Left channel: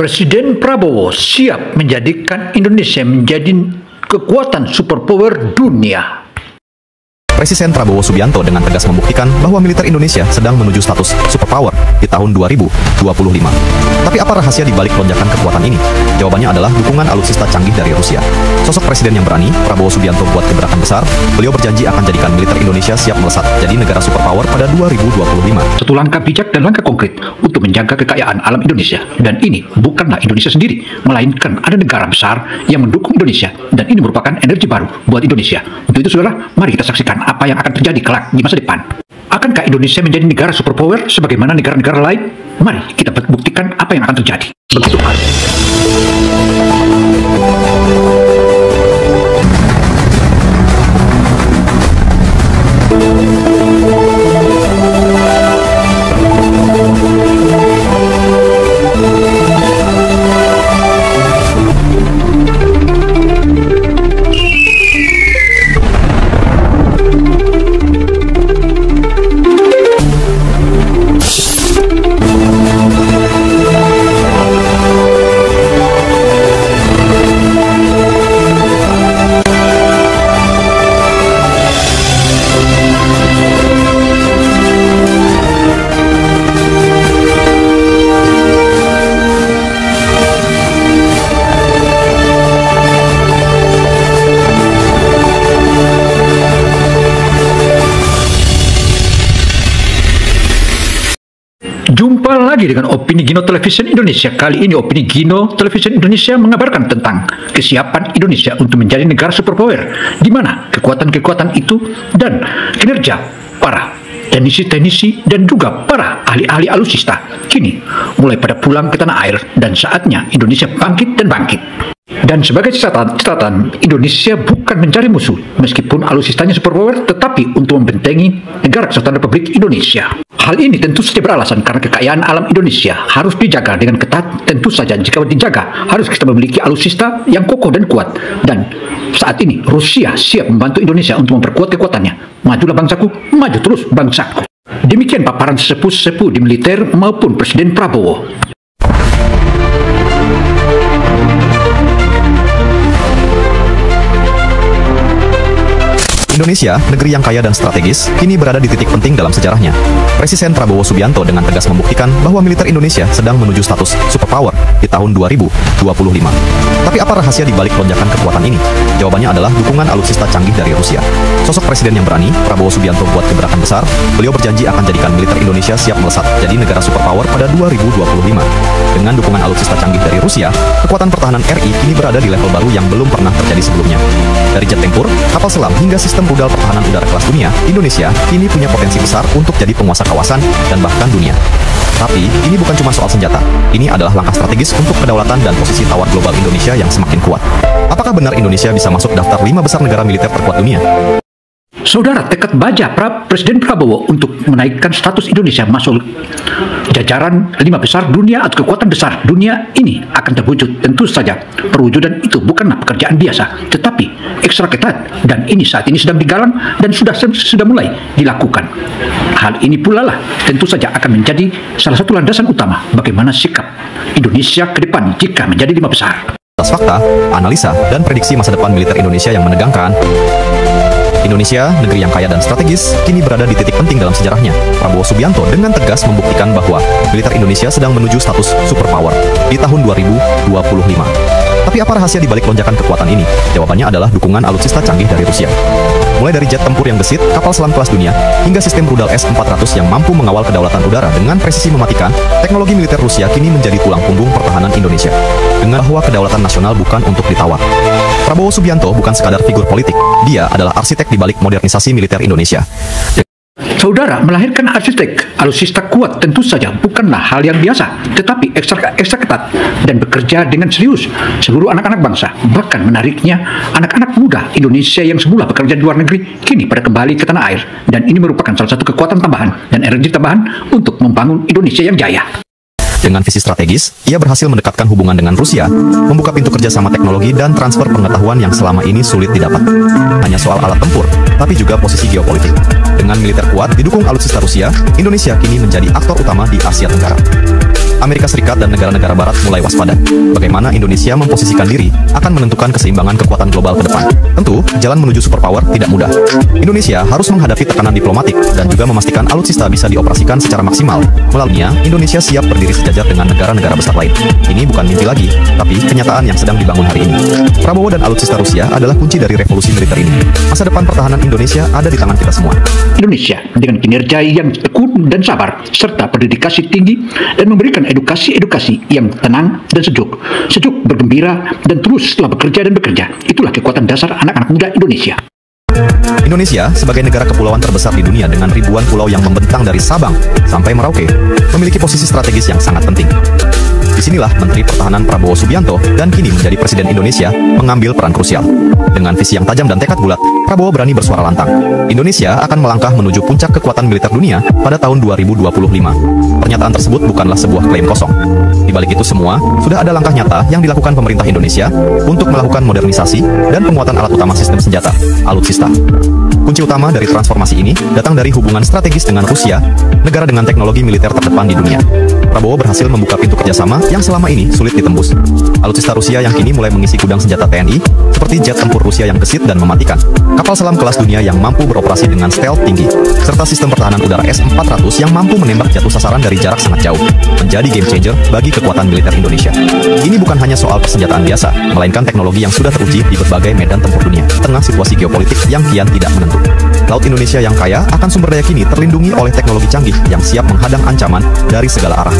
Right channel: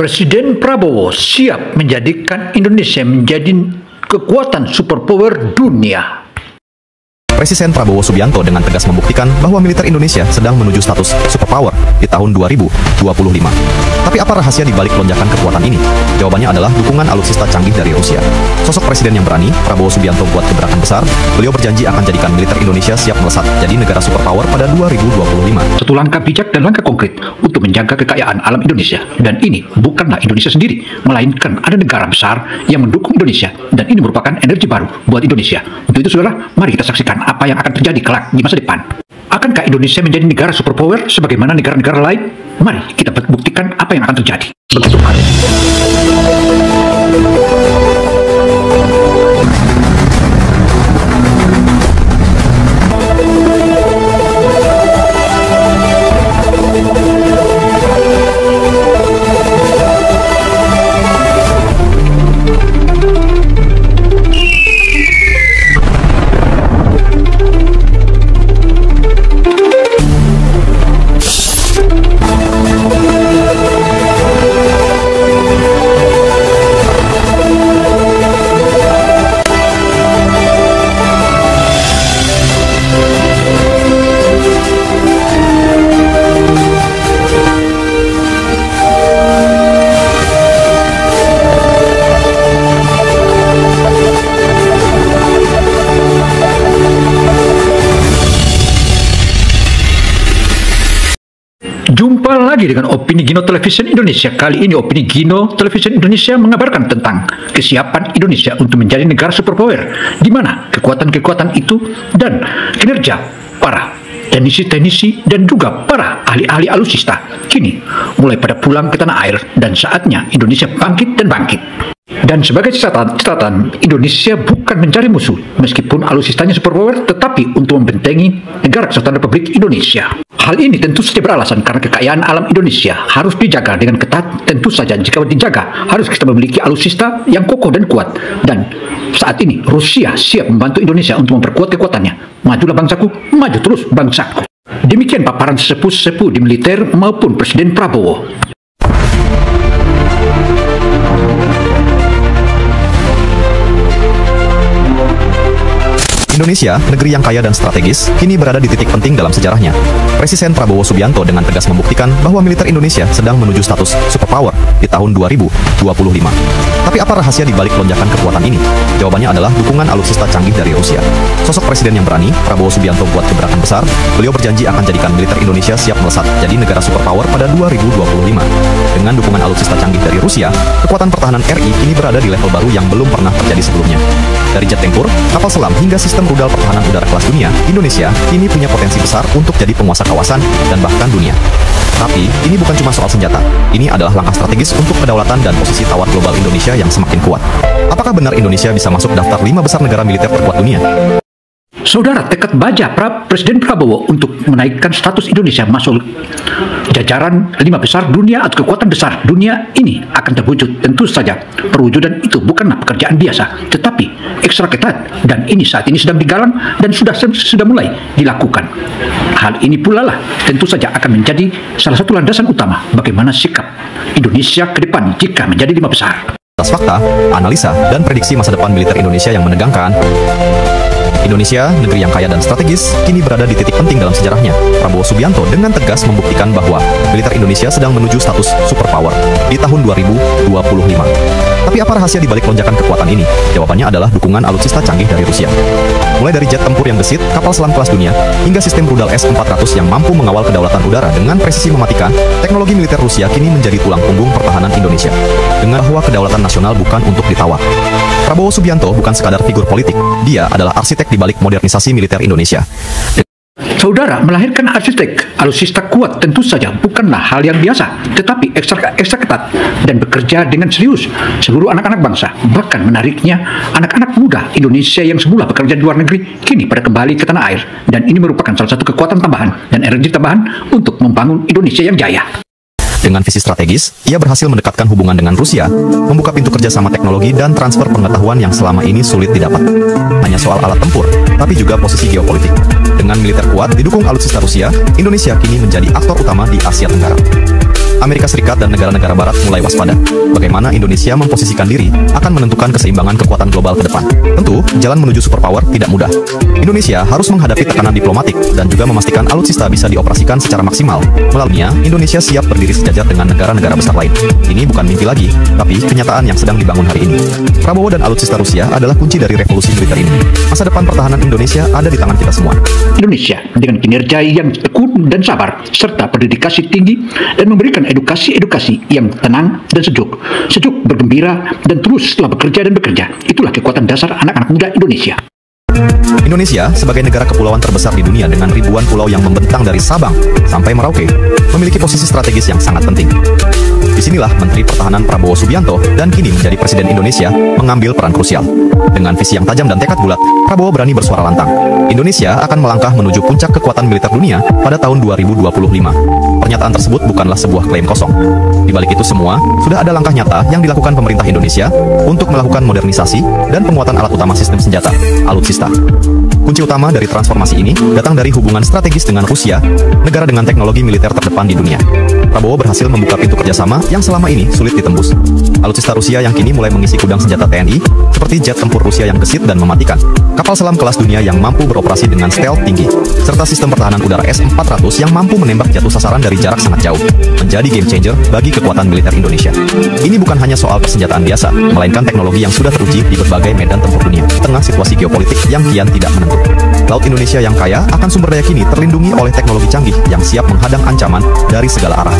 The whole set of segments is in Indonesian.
Presiden Prabowo siap menjadikan Indonesia menjadi kekuatan superpower dunia. Presiden Prabowo Subianto dengan tegas membuktikan bahwa militer Indonesia sedang menuju status superpower di tahun 2025. Tapi apa rahasia di balik lonjakan kekuatan ini? Jawabannya adalah dukungan alutsista canggih dari Rusia. Sosok presiden yang berani, Prabowo Subianto buat gebrakan besar. Beliau berjanji akan jadikan militer Indonesia siap melesat jadi negara superpower pada 2025. Satu langkah bijak dan langkah konkret untuk menjaga kekayaan alam Indonesia. Dan ini bukanlah Indonesia sendiri, melainkan ada negara besar yang mendukung Indonesia. Dan ini merupakan energi baru buat Indonesia. Untuk itu, saudara, mari kita saksikan apa yang akan terjadi kelak di masa depan. Akankah Indonesia menjadi negara superpower sebagaimana negara-negara lain? Mari kita buktikan apa yang akan terjadi. Begitu halus. Jumpa lagi dengan Opini Gino Television Indonesia. Kali ini Opini Gino Television Indonesia mengabarkan tentang kesiapan Indonesia untuk menjadi negara superpower, di mana kekuatan-kekuatan itu dan kinerja para teknisi-teknisi dan juga para ahli-ahli alutsista kini mulai pada pulang ke tanah air, dan saatnya Indonesia bangkit dan bangkit. Dan sebagai catatan, Indonesia bukan mencari musuh, meskipun alutsistanya superpower, tetapi untuk membentengi negara kesatuan Republik Indonesia. Hal ini tentu saja beralasan karena kekayaan alam Indonesia harus dijaga dengan ketat. Tentu saja jika dijaga, harus kita memiliki alutsista yang kokoh dan kuat. Dan saat ini Rusia siap membantu Indonesia untuk memperkuat kekuatannya. Majulah bangsaku, maju terus bangsaku. Demikian paparan sesepuh-sepuh di militer maupun Presiden Prabowo. Indonesia, negeri yang kaya dan strategis, kini berada di titik penting dalam sejarahnya. Presiden Prabowo Subianto dengan tegas membuktikan bahwa militer Indonesia sedang menuju status superpower di tahun 2025. Tapi apa rahasia di balik lonjakan kekuatan ini? Jawabannya adalah dukungan alutsista canggih dari Rusia. Sosok presiden yang berani, Prabowo Subianto buat gebrakan besar. Beliau berjanji akan jadikan militer Indonesia siap melesat jadi negara superpower pada 2025. Dengan dukungan alutsista canggih dari Rusia, kekuatan pertahanan RI kini berada di level baru yang belum pernah terjadi sebelumnya. Dari jet tempur, kapal selam hingga sistem modal pertahanan udara kelas dunia, Indonesia kini punya potensi besar untuk jadi penguasa kawasan dan bahkan dunia. Tapi, ini bukan cuma soal senjata. Ini adalah langkah strategis untuk kedaulatan dan posisi tawar global Indonesia yang semakin kuat. Apakah benar Indonesia bisa masuk daftar 5 besar negara militer terkuat dunia? Saudara, tekad baja Presiden Prabowo untuk menaikkan status Indonesia masuk jajaran 5 besar dunia atau kekuatan besar dunia ini akan terwujud. Tentu saja perwujudan itu bukanlah pekerjaan biasa, tetapi ekstra ketat, dan ini saat ini sedang digalang dan sudah mulai dilakukan. Hal ini pula lah tentu saja akan menjadi salah satu landasan utama bagaimana sikap Indonesia ke depan jika menjadi 5 besar. Atas fakta, analisa, dan prediksi masa depan militer Indonesia yang menegangkan, Indonesia, negeri yang kaya dan strategis, kini berada di titik penting dalam sejarahnya. Prabowo Subianto dengan tegas membuktikan bahwa militer Indonesia sedang menuju status superpower di tahun 2025. Tapi apa rahasia di balik lonjakan kekuatan ini? Jawabannya adalah dukungan alutsista canggih dari Rusia. Mulai dari jet tempur yang gesit, kapal selam kelas dunia, hingga sistem rudal S-400 yang mampu mengawal kedaulatan udara dengan presisi mematikan, teknologi militer Rusia kini menjadi tulang punggung pertahanan Indonesia. Dengan bahwa kedaulatan nasional bukan untuk ditawar. Prabowo Subianto bukan sekadar figur politik, dia adalah arsitek di balik modernisasi militer Indonesia. Saudara, melahirkan arsitek alutsista kuat tentu saja bukanlah hal yang biasa, tetapi ekstra ketat dan bekerja dengan serius seluruh anak-anak bangsa. Bahkan menariknya, anak-anak muda Indonesia yang semula bekerja di luar negeri kini pada kembali ke tanah air, dan ini merupakan salah satu kekuatan tambahan dan energi tambahan untuk membangun Indonesia yang jaya. Dengan visi strategis, ia berhasil mendekatkan hubungan dengan Rusia, membuka pintu kerjasama teknologi dan transfer pengetahuan yang selama ini sulit didapat. Hanya soal alat tempur, tapi juga posisi geopolitik. Dengan militer kuat didukung alutsista Rusia, Indonesia kini menjadi aktor utama di Asia Tenggara. Amerika Serikat dan negara-negara barat mulai waspada. Bagaimana Indonesia memposisikan diri akan menentukan keseimbangan kekuatan global ke depan. Tentu, jalan menuju superpower tidak mudah. Indonesia harus menghadapi tekanan diplomatik dan juga memastikan alutsista bisa dioperasikan secara maksimal. Melaluinya, Indonesia siap berdiri sejajar dengan negara-negara besar lain. Ini bukan mimpi lagi, tapi kenyataan yang sedang dibangun hari ini. Prabowo dan alutsista Rusia adalah kunci dari revolusi militer ini. Masa depan pertahanan Indonesia ada di tangan kita semua. Indonesia dengan kinerja yang tekun dan sabar, serta berdedikasi tinggi dan memberikan edukasi yang tenang dan sejuk bergembira dan teruslah bekerja dan bekerja. Itulah kekuatan dasar anak-anak muda Indonesia. Indonesia sebagai negara kepulauan terbesar di dunia dengan ribuan pulau yang membentang dari Sabang sampai Merauke memiliki posisi strategis yang sangat penting. Disinilah Menteri Pertahanan Prabowo Subianto dan kini menjadi Presiden Indonesia mengambil peran krusial. Dengan visi yang tajam dan tekad bulat, Prabowo berani bersuara lantang. Indonesia akan melangkah menuju puncak kekuatan militer dunia pada tahun 2025. Pernyataan tersebut bukanlah sebuah klaim kosong. Di balik itu semua, sudah ada langkah nyata yang dilakukan pemerintah Indonesia untuk melakukan modernisasi dan penguatan alat utama sistem senjata, alutsista. Kunci utama dari transformasi ini datang dari hubungan strategis dengan Rusia, negara dengan teknologi militer terdepan di dunia. Prabowo berhasil membuka pintu kerjasama yang selama ini sulit ditembus. Alutsista Rusia yang kini mulai mengisi gudang senjata TNI, seperti jet tempur Rusia yang gesit dan mematikan, kapal selam kelas dunia yang mampu beroperasi dengan stealth tinggi, serta sistem pertahanan udara S-400 yang mampu menembak jatuh sasaran dari jarak sangat jauh, menjadi game changer bagi kekuatan militer Indonesia. Ini bukan hanya soal persenjataan biasa, melainkan teknologi yang sudah teruji di berbagai medan tempur dunia, di tengah situasi geopolitik yang kian tidak menentu. Laut Indonesia yang kaya akan sumber daya kini terlindungi oleh teknologi canggih yang siap menghadang ancaman dari segala arah.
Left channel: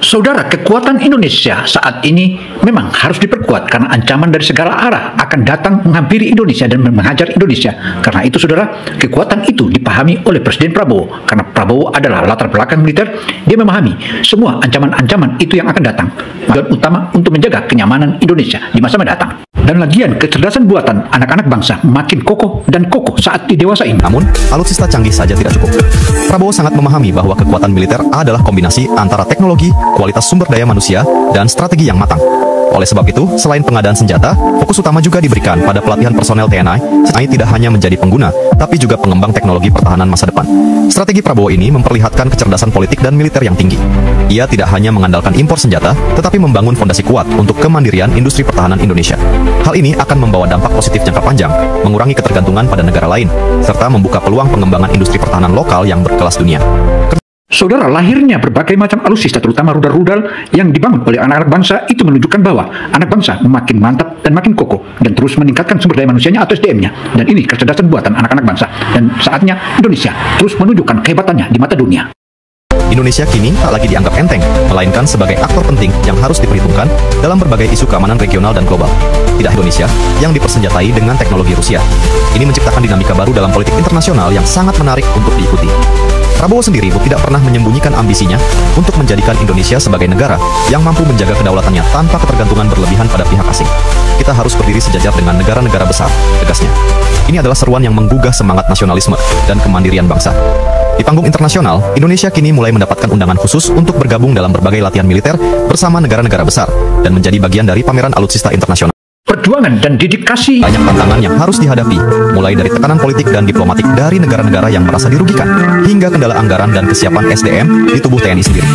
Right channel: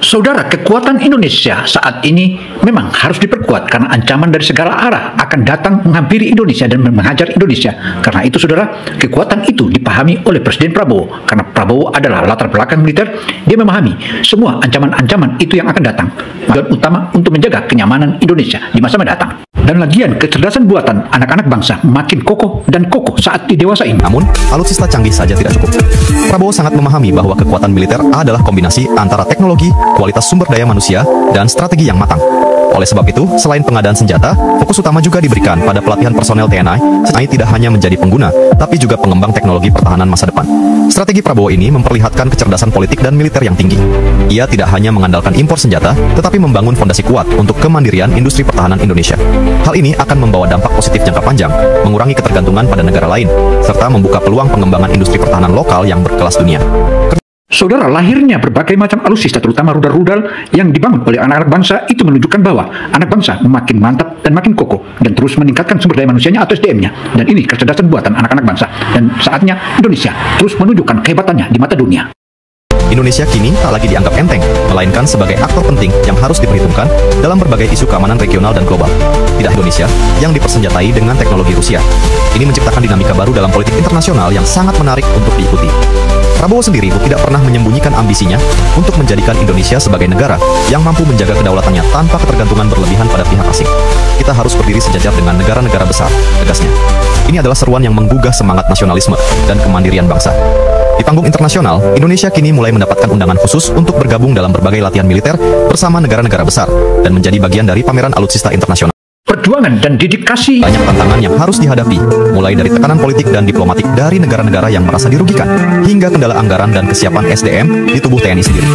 Saudara, kekuatan Indonesia saat ini memang harus diperkuat karena ancaman dari segala arah akan datang menghampiri Indonesia dan menghajar Indonesia. Karena itu, saudara, kekuatan itu dipahami oleh Presiden Prabowo. Karena Prabowo adalah latar belakang militer, dia memahami semua ancaman-ancaman itu yang akan datang. Dan utama untuk menjaga kenyamanan Indonesia di masa mendatang. Dan lagian, kecerdasan buatan anak-anak bangsa makin kokoh dan kokoh saat di dewasa ini. Namun, alutsista canggih saja tidak cukup. Prabowo sangat memahami bahwa kekuatan militer adalah kombinasi antara teknologi, kualitas sumber daya manusia, dan strategi yang matang. Oleh sebab itu, selain pengadaan senjata, fokus utama juga diberikan pada pelatihan personel TNI, selain tidak hanya menjadi pengguna, tapi juga pengembang teknologi pertahanan masa depan. Strategi Prabowo ini memperlihatkan kecerdasan politik dan militer yang tinggi. Ia tidak hanya mengandalkan impor senjata, tetapi membangun fondasi kuat untuk kemandirian industri pertahanan Indonesia. Hal ini akan membawa dampak positif jangka panjang, mengurangi ketergantungan pada negara lain, serta membuka peluang pengembangan industri pertahanan lokal yang berkelas dunia. Saudara, lahirnya berbagai macam alutsista, terutama rudal-rudal yang dibangun oleh anak-anak bangsa, itu menunjukkan bahwa anak bangsa makin mantap dan makin kokoh dan terus meningkatkan sumber daya manusianya atau SDM-nya. Dan ini kecerdasan buatan anak-anak bangsa. Dan saatnya Indonesia terus menunjukkan kehebatannya di mata dunia. Indonesia kini tak lagi dianggap enteng, melainkan sebagai aktor penting yang harus diperhitungkan dalam berbagai isu keamanan regional dan global. Tidak Indonesia yang dipersenjatai dengan teknologi Rusia. Ini menciptakan dinamika baru dalam politik internasional yang sangat menarik untuk diikuti. Prabowo sendiri tidak pernah menyembunyikan ambisinya untuk menjadikan Indonesia sebagai negara yang mampu menjaga kedaulatannya tanpa ketergantungan berlebihan pada pihak asing. Kita harus berdiri sejajar dengan negara-negara besar, tegasnya. Ini adalah seruan yang menggugah semangat nasionalisme dan kemandirian bangsa. Di panggung internasional, Indonesia kini mulai mendapatkan undangan khusus untuk bergabung dalam berbagai latihan militer bersama negara-negara besar dan menjadi bagian dari pameran alutsista internasional. Perjuangan dan dedikasi. Banyak tantangan yang harus dihadapi, mulai dari tekanan politik dan diplomatik dari negara-negara yang merasa dirugikan, hingga kendala anggaran dan kesiapan SDM di tubuh TNI sendiri.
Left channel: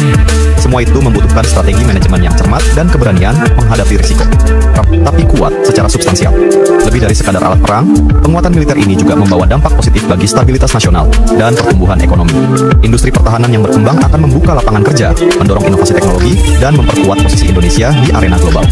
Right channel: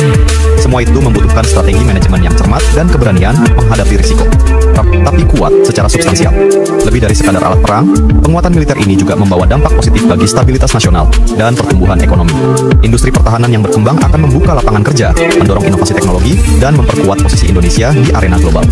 Semua itu membutuhkan strategi manajemen yang cermat dan keberanian menghadapi risiko, tapi kuat secara substansial. Lebih dari sekadar alat perang, penguatan militer ini juga membawa dampak positif bagi stabilitas nasional dan pertumbuhan ekonomi. Industri pertahanan yang berkembang akan membuka lapangan kerja, mendorong inovasi teknologi, dan memperkuat posisi Indonesia di arena global.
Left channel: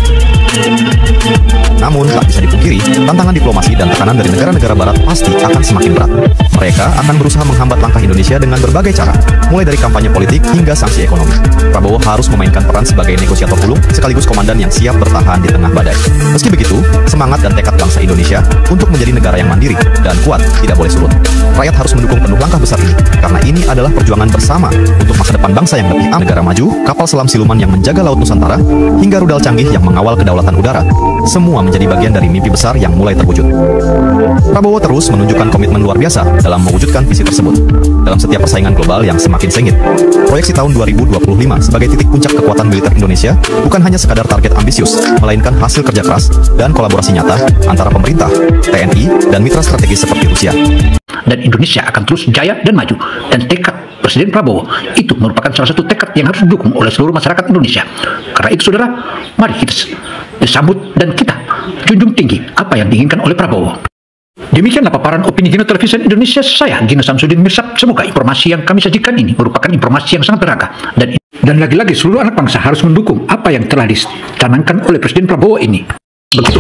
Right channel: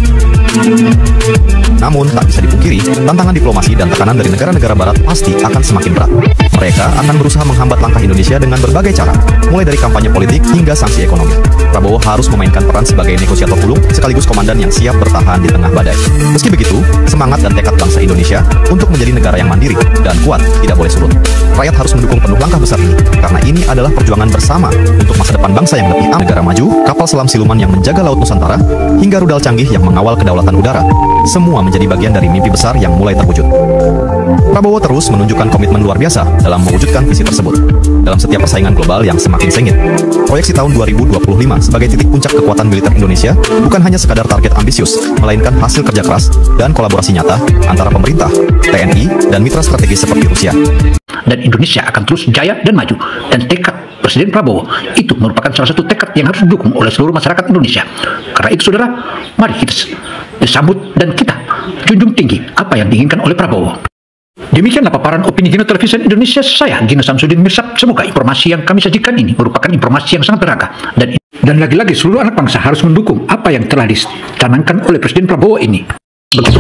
Namun, tak bisa dipungkiri, tantangan diplomasi dan tekanan dari negara-negara barat pasti akan semakin berat. Mereka akan berusaha menghambat langkah Indonesia dengan berbagai cara, mulai dari kampanye politik hingga sanksi ekonomi. Prabowo harus memainkan peran sebagai negosiator hulu, sekaligus komandan yang siap bertahan di tengah badai. Meski begitu, semangat dan tekad bangsa Indonesia untuk menjadi negara yang mandiri dan kuat tidak boleh surut. Rakyat harus mendukung penuh langkah besar ini, karena ini adalah perjuangan bersama untuk masa depan bangsa yang lebih aman. Negara maju, kapal selam siluman yang menjaga laut Nusantara, hingga rudal canggih yang mengawal kedaulatan udara, semua menjadi bagian dari mimpi besar yang mulai terwujud. Prabowo terus menunjukkan komitmen luar biasa dalam mewujudkan visi tersebut. Dalam setiap persaingan global yang semakin sengit, proyeksi tahun 2025 sebagai titik puncak kekuatan militer Indonesia bukan hanya sekadar target ambisius, melainkan hasil kerja keras dan kolaborasi nyata antara pemerintah, TNI, dan mitra strategis seperti Rusia. Dan Indonesia akan terus jaya dan maju. Dan tekad Presiden Prabowo itu merupakan salah satu tekad yang harus didukung oleh seluruh masyarakat Indonesia. Karena itu saudara, mari kita sambut dan kita junjung tinggi apa yang diinginkan oleh Prabowo. Demikianlah paparan opini Gino Television Indonesia, saya Gino Samsudin Mirsad. Semoga informasi yang kami sajikan ini merupakan informasi yang sangat berharga, dan lagi-lagi seluruh anak bangsa harus mendukung apa yang telah dicanangkan oleh Presiden Prabowo ini. Begitu.